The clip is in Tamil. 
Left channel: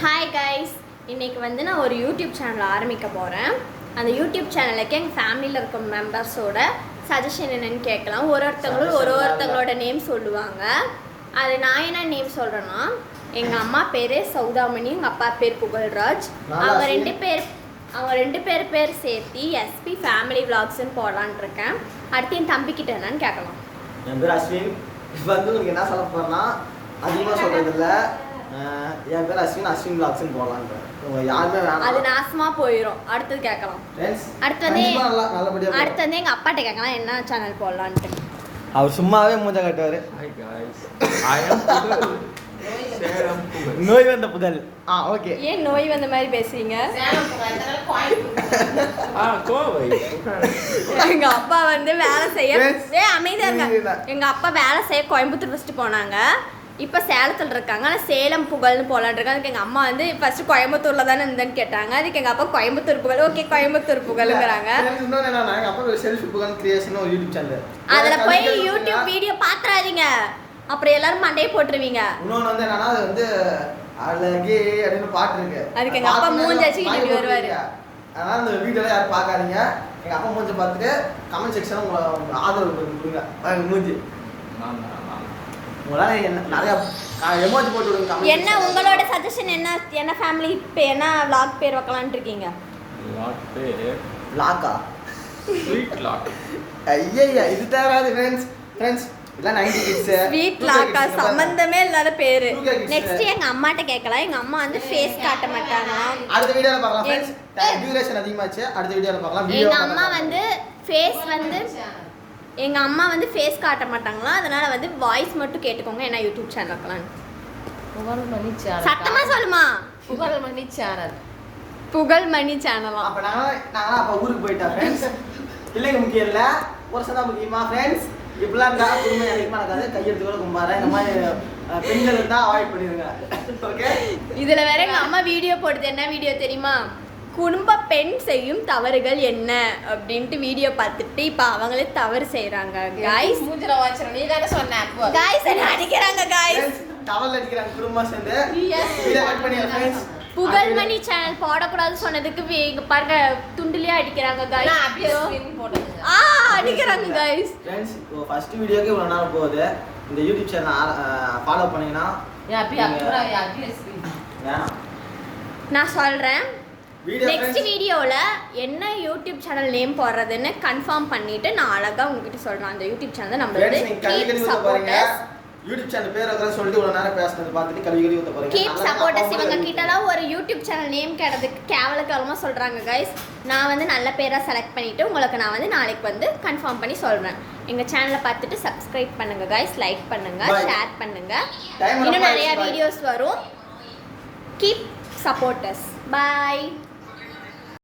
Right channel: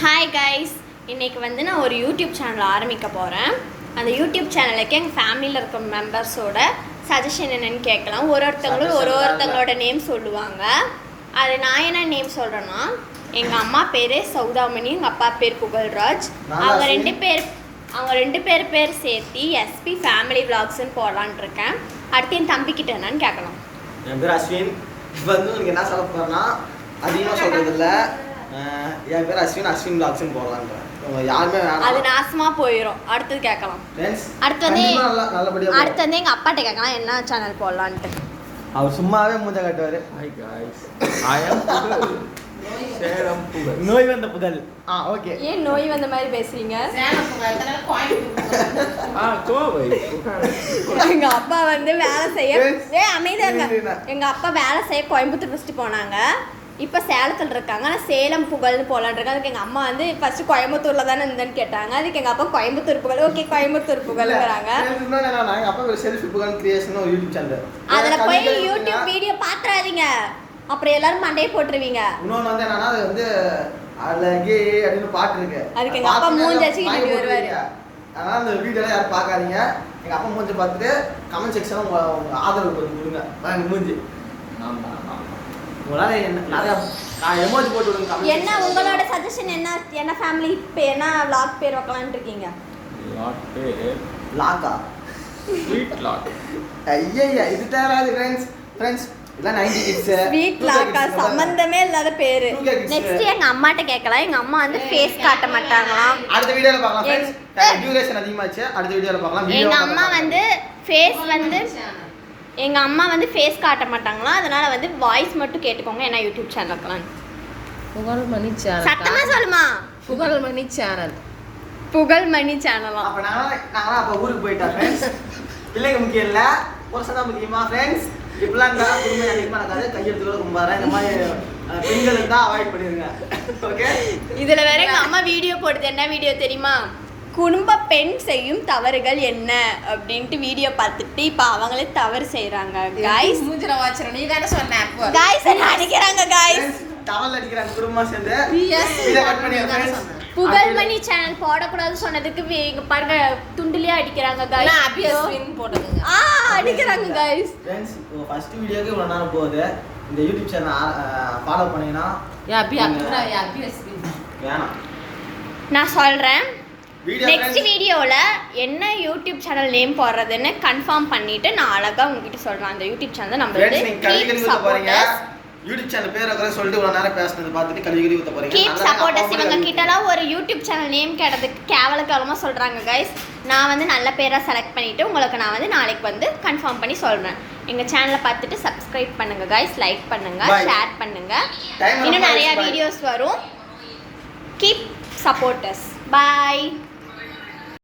ஹாய் கைஸ், இன்றைக்கி வந்து நான் ஒரு யூடியூப் சேனல் ஆரம்பிக்க போகிறேன். அந்த யூடியூப் சேனலுக்கு எங்கள் ஃபேமிலியில் இருக்க மெம்பர்ஸோட சஜஷன் என்னென்னு கேட்கலாம். ஒருத்தங்களோட நேம் சொல்லுவாங்க. அது நான் என்ன நேம் சொல்கிறேன்னா, எங்கள் அம்மா பேர் சௌதாமணி, எங்கள் அப்பா பேர் புகழ்ராஜ். அவங்க ரெண்டு பேர் சேர்த்து எஸ்பி ஃபேமிலி விளாக்ஸ்ன்னு போடலான் இருக்கேன். அடுத்து என் தம்பிக்கிட்ட என்னன்னு கேட்கலாம். என் பேர் அஸ்வின். இப்போ வந்து உங்களுக்கு என்ன சொல்ல போகிறேன்னா, அதிகமாக சொல்கிறது இல்லை. என் பேர் அஸ்வின் விளாக்ஸ்ன்னு போடலான்றேன். யாருமே அது நாசமாக போயிடும். அடுத்தது கேட்கலாம். அடுத்து வந்து எங்கள் அப்பாட்ட கேட்கலாம் என்ன சேனல் போடலான்ட்டு. அவர் சும்மாவே மூஞ்ச கட்டுவார். ஹாய் காய்ஸ், ஐ அம் புகழ், சேலம் புகழ். நோய் வந்த புகழ். ஓகே. ஏன் நோய் வந்த மாதிரி பேசுறீங்க? கோவை புகழ். எங்க அப்பா வந்து வேலை செய்ய அமைதியாங்க. எங்க அப்பா வேலை செய்ய கோயம்புத்தூர் ஃபர்ஸ்ட் போனாங்க. இப்போ சேலத்தில் இருக்காங்க. ஆனால் சேலம் புகழ்னு போலான் இருக்காங்க. அதுக்கு எங்கள் அம்மா வந்து ஃபர்ஸ்ட் கோயம்புத்தூரில் தானே இருந்தேன்னு கேட்டாங்க. அதுக்கு எங்கள் அப்பா கோயம்புத்தூர் புகழ், ஓகே கோயம்புத்தூர் புகழ்ங்கிறாங்க. எங்கள் அப்பா செல்ஃபி புகழ் கிரியேஷன் ஒரு யூடியூப் சேனல். அதில் போய் யூடியூப் வீடியோ பார்த்துறாதீங்க, அப்புறம் எல்லாரும் மண்டையை போட்டுருவீங்க. இன்னொன்று வந்து என்னன்னா, அது வந்து அழகே அப்படின்னு பாட்டு இருக்கு. அதுக்கு எங்கள் அப்பா மூஞ்சாச்சு வீட்டுக்கு வருவார். அதனால் அந்த வீடியோலாம் யாரும் பார்க்காதீங்க. எங்கள் அப்பா மூஞ்சி பார்த்துட்டு கமெண்ட் செக்ஷனில் உங்கள் ஆதரவு கொஞ்சம் கொடுங்க. எங்கள் மூஞ்சி உங்களால் நிறையா எமோஜி போட்டு விடுங்க. என்ன உங்களோட சஜஷன் என்ன ஃபேமிலி என்ன vlog பேர் வைக்கலாம்னு இருக்கீங்க? லாட் பேர் லாக்கா, ஸ்வீட் லாட். ஐயா இது தேராது ஃப்ரெண்ட்ஸ். இதெல்லாம் 90 கிட்ஸ். ஸ்வீட் லாக்கா சம்பந்தமே இல்லாத பேரு. நெக்ஸ்ட் எங்க அம்மாட்ட கேட்கலாம். எங்க அம்மா வந்து ஃபேஸ் காட்ட மாட்டாங்களாம். அடுத்த வீடியோல பார்க்கலாம் ஃப்ரெண்ட்ஸ். டியூரேஷன் அதிகமாச்சு. அடுத்த வீடியோல பார்க்கலாம். எங்க அம்மா வந்து ஃபேஸ் காட்ட மாட்டாங்களாம். அதனால வந்து வாய்ஸ் மட்டும் கேட்டுக்கோங்க. என்ன யூடியூப் சேனல் வைக்கலாம்? புகழ்மணி சேனல். சத்தமா சொல்லுமா? புகழ்மணி சேனல். புகழ்மணி சேனலா? அப்ப நாங்க அப்ப ஊருக்கு போயிட்டோம் ஃப்ரெண்ட்ஸ். பிள்ளைங்க முக்கியம் இல்ல, ஒரு சதா முக்கியமா ஃப்ரெண்ட்ஸ். இப்பெல்லாம் இருந்தா குடும்பம் அதிகமா நடக்காது. கையெழுத்து கூட கும்பாரா இந்த மாதிரி பெண்களுக்கு தான் அவாய்ட் பண்ணிருங்க. ஓகே. இதுல வேற எங்க அம்மா வீடியோ போடுது. என்ன வீடியோ தெரியுமா? குடும்ப பெண் செய்யும் தவறுகள் என்ன அப்படின்ட்டு வீடியோ பார்த்துட்டு இப்போ அவங்களே தவறு செய்யறாங்க. கைஸ் மூஞ்சில வாச்சற நீ தான சொன்ன. அப்போ கைஸ் என்ன அடிக்கறாங்க. கைஸ் டவல் அடிக்கறாங்க குடும்பமா சேர்ந்து. இத கட் பண்ணிடுங்க फ्रेंड्स. புகழ்மணி சேனல் போடக்கூடாது சொன்னதுக்கு இங்க பாருங்க துண்டுலயே அடிக்கறாங்க. கைஸ் அபியஸ்வின் போடுங்க. அடிக்கறாங்க கைஸ். फ्रेंड्स இப்போ ஃபர்ஸ்ட் வீடியோக்கு இவ்வளவு நேரம் போகுது. இந்த யூடியூப் சேனல் ஃபாலோ பண்ணீங்கன்னா அபியஸ்வின் வேணாம் நான் சொல்றேன். நெக்ஸ்ட் வீடியோவில் என்ன யூடியூப் சேனல் நேம் போடுறதுன்னு கன்ஃபார்ம் பண்ணிட்டு நான் அழகாக உங்ககிட்ட சொல்கிறேன். அந்த யூடியூப் சேனல் நம்ம யூடியூப் சேனல் பேர் இருக்கிற சொல்லிட்டு இவ்வளோ நேரம் பேசுனது பார்த்துட்டு கழுவி ஊற்ற போறீங்க. Keep supporters. இவங்க கிட்டலாம் ஒரு யூடியூப் சேனல் நேம் கேட்டதுக்கு கேவலமாக சொல்கிறாங்க கைஸ். நான் வந்து நல்ல பேராக செலக்ட் பண்ணிவிட்டு உங்களுக்கு நான் வந்து நாளைக்கு வந்து கன்ஃபார்ம் பண்ணி சொல்கிறேன். எங்கள் சேனலை பார்த்துட்டு சப்ஸ்கிரைப் பண்ணுங்கள் கைஸ், லைக் பண்ணுங்கள், ஷேர் பண்ணுங்கள். இன்னும் நிறையா வீடியோஸ் வரும். Keep supporters. பாய்.